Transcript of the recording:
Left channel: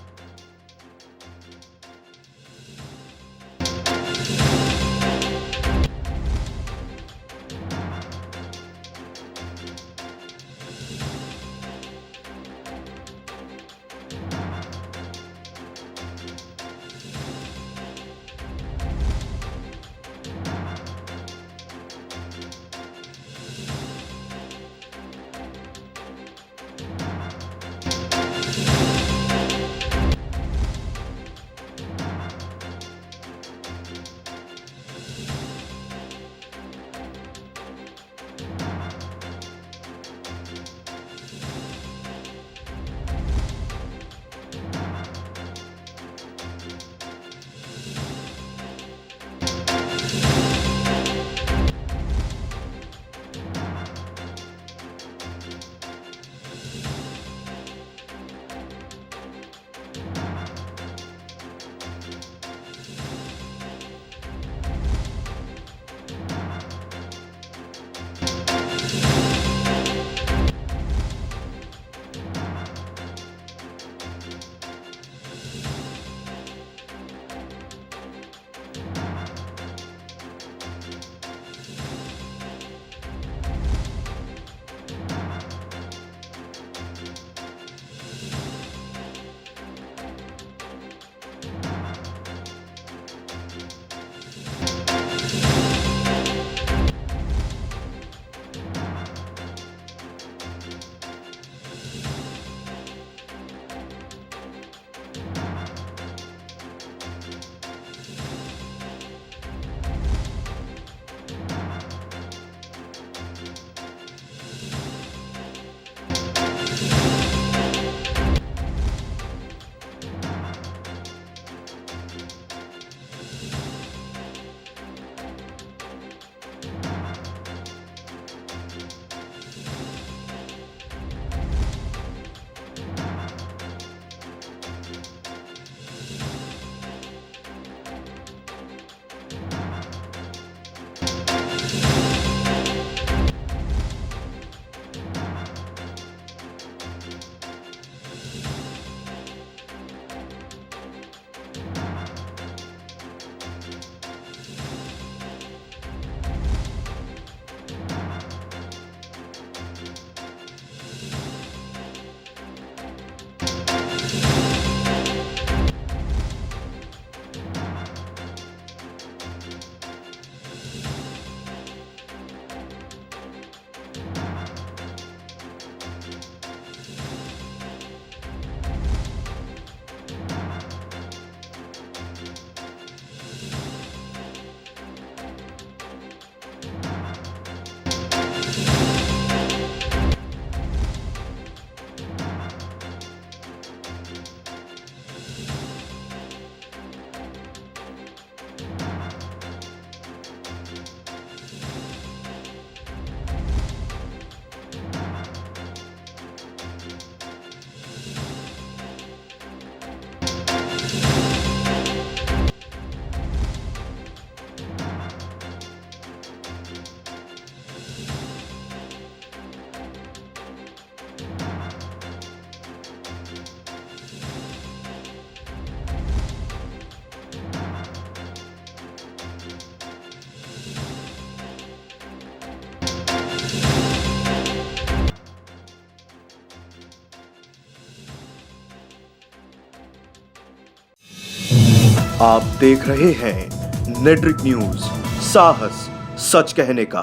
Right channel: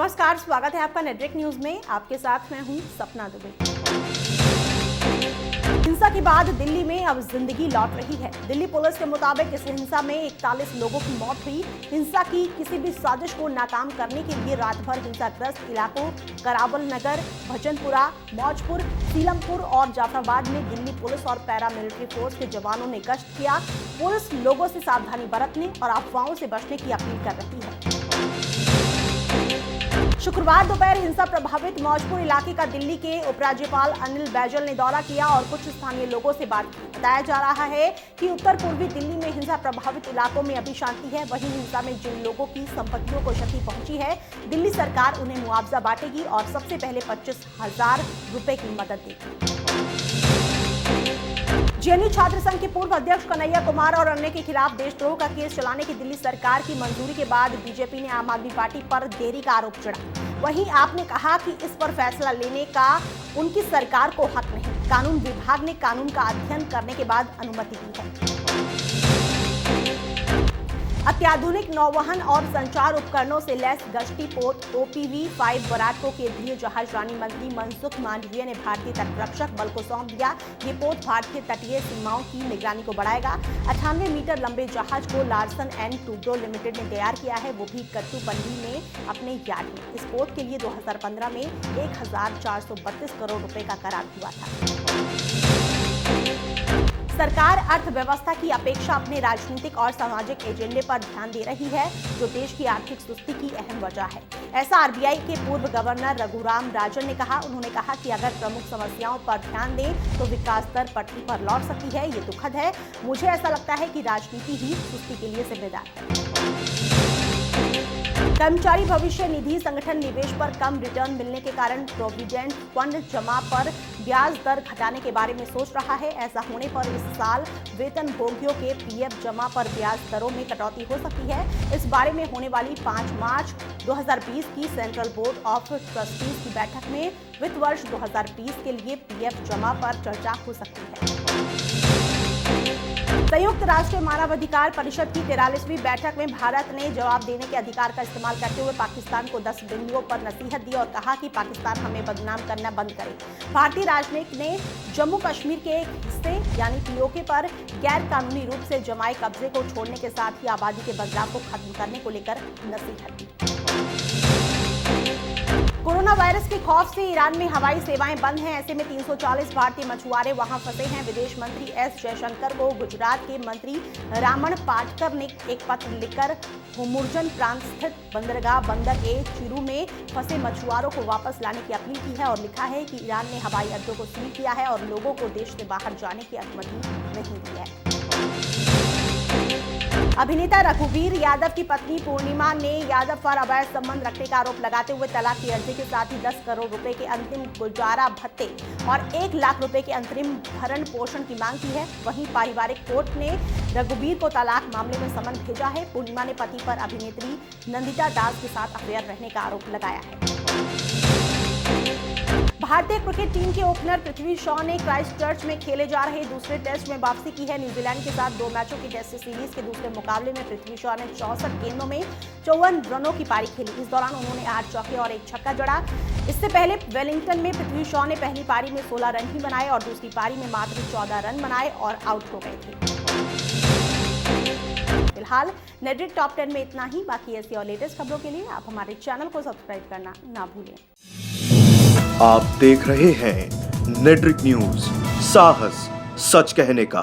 नमस्कार, स्वागत है आपका नेटवर्क न्यूज में। आपके साथ मैं हूं सपना दुबे। हिंसा के बाद दिल्ली में अब जिंदगी लौट रही है। दिल्ली पुलिस के मुताबिक इस हिंसा में 41 लोगों की मौत हुई। हिंसा की किसी भी साजिश को नाकाम करने के लिए रात भर हिंसाग्रस्त इलाकों करावल नगर, भजनपुरा, मौजपुर, सीलमपुर और जाफराबाद में दिल्ली पुलिस और पैरामिलिट्री फोर्स के जवानों ने गश्त किया। पुलिस लोगों से सावधानी बरतने और अफवाहों से बचने की अपील कर रही है। शुक्रवार दोपहर हिंसा प्रभावित मौजपुर इलाके का दिल्ली के उपराज्यपाल अनिल बैजल ने दौरा किया और कुछ स्थानीय लोगों से बात की। बताया जा रहा है कि उत्तर पूर्वी दिल्ली में हिंसा प्रभावित इलाकों में अभी शांति है। वहीं हिंसा में जिन लोगों की संपत्तियों को क्षति पहुंची है, दिल्ली सरकार उन्हें मुआवजा बांटेगी और सबसे पहले 25,000 रुपए की मदद देगी। जेएनयू छात्र संघ के पूर्व अध्यक्ष कन्हैया कुमार और अन्य के खिलाफ देशद्रोह का केस चलाने की दिल्ली सरकार की मंजूरी के बाद बीजेपी ने आम आदमी पार्टी पर देरी का आरोप चढ़ा। वहीं आपने कहा कि इस पर फैसला लेने का उनकी सरकार को हक नहीं। कानून विभाग ने कानून का अध्ययन करने के बाद अनुमति दी है। अत्याधुनिक नौवहन और संचार उपकरणों से लैस गश्ती पोत OPV-5 बराको के लिए जहाज रानी मंत्री मनसुख मांडविया ने भारतीय तटरक्षक बल को सौंप दिया। ये पोत भारतीय तटीय सीमाओं की निगरानी को बढ़ाएगा। 98 मीटर लंबे जहाज को लार्सन एंड टूब्रो लिमिटेड ने तैयार किया है, वो भी कट्टुपल्ली में अपने यार्ड में। इस पोत के लिए 2015 में 1,432 करोड़ रुपए का करार हुआ था। सरकार अर्थव्यवस्था की अपेक्षा अपने राजनीतिक और सामाजिक एजेंडे पर ध्यान दे रही है, जो देश की आर्थिक सुस्ती की अहम वजह है। ऐसा RBI के पूर्व गवर्नर रघुराम राजन ने कहा। उन्होंने कहा कि अगर प्रमुख समस्याओं पर ध्यान दें तो विकास दर पटरी पर लौट सकती है। ये दुखद है। मुझे ऐसा लगता है कि राजनीति ही सुस्ती के लिए जिम्मेदार है। कर्मचारी भविष्य निधि संगठन निवेश पर कम रिटर्न मिलने के कारण प्रोविडेंट फंड जमा पर ब्याज दर घटाने के बारे में सोच रहा है। ऐसा होने पर इस साल वेतनभोगियों के PF जमा पर ब्याज दरों में कटौती हो सकती है। इस बारे में होने वाली 5 मार्च 2020 की सेंट्रल बोर्ड ऑफ ट्रस्टीज की बैठक में वित्त वर्ष 2020 के लिए PF जमा पर चर्चा हो सकती है। संयुक्त राष्ट्र मानवाधिकार परिषद की 43वीं बैठक में भारत ने जवाब देने के अधिकार का इस्तेमाल करते हुए पाकिस्तान को 10 बिंदुओं पर नसीहत दी और कहा कि पाकिस्तान हमें बदनाम करना बंद करे। भारतीय राजनयिक ने जम्मू कश्मीर के एक हिस्से यानी POK पर गैर कानूनी रूप से जमाए कब्जे को छोड़ने के साथ ही आबादी के बदलाव को खत्म करने को लेकर नसीहत दी। कोरोना वायरस के खौफ से ईरान में हवाई सेवाएं बंद हैं। ऐसे में 340 भारतीय मछुआरे वहां फंसे हैं। विदेश मंत्री S जयशंकर को गुजरात के मंत्री रामण पाटकर ने एक पत्र लिखकर हुमुर्जन प्रांत स्थित बंदरगाह बंदर ए चिरू में फंसे मछुआरों को वापस लाने की अपील की है और लिखा है कि ईरान ने हवाई अड्डों को सील किया है और लोगों को देश से बाहर जाने की अनुमति नहीं दी है। अभिनेता रघुवीर यादव की पत्नी पूर्णिमा ने यादव पर अवैध संबंध रखने का आरोप लगाते हुए तलाक की अर्जी के साथ ही 10 करोड़ रुपए के अंतिम गुजारा भत्ते और 1 लाख रुपए के अंतरिम भरण पोषण की मांग की है। वहीं पारिवारिक कोर्ट ने रघुवीर को तलाक मामले में समन भेजा है। पूर्णिमा ने पति पर अभिनेत्री नंदिता दास के साथ अफेयर रहने का आरोप लगाया है। भारतीय क्रिकेट टीम के ओपनर पृथ्वी शॉ ने क्राइस्टचर्च में खेले जा रहे दूसरे टेस्ट में वापसी की है। न्यूजीलैंड के साथ 2 मैचों की टेस्ट सीरीज के दूसरे मुकाबले में पृथ्वी शॉ ने 64 गेंदों में 54 रनों की पारी खेली। इस दौरान उन्होंने 8 चौके और 1 छक्का जड़ा। इससे पहले वेलिंगटन में पृथ्वी शॉ ने पहली पारी में 16 रन ही बनाए और दूसरी पारी में मात्र 14 रन बनाए और आउट हो गए थे। फिलहाल नेटवर्क टॉप 10 में इतना ही। बाकी ऐसी और लेटेस्ट खबरों के लिए आप हमारे चैनल को सब्सक्राइब करना ना भूलें। आप देख रहे हैं नेटवर्क न्यूज, साहस सच कहने का।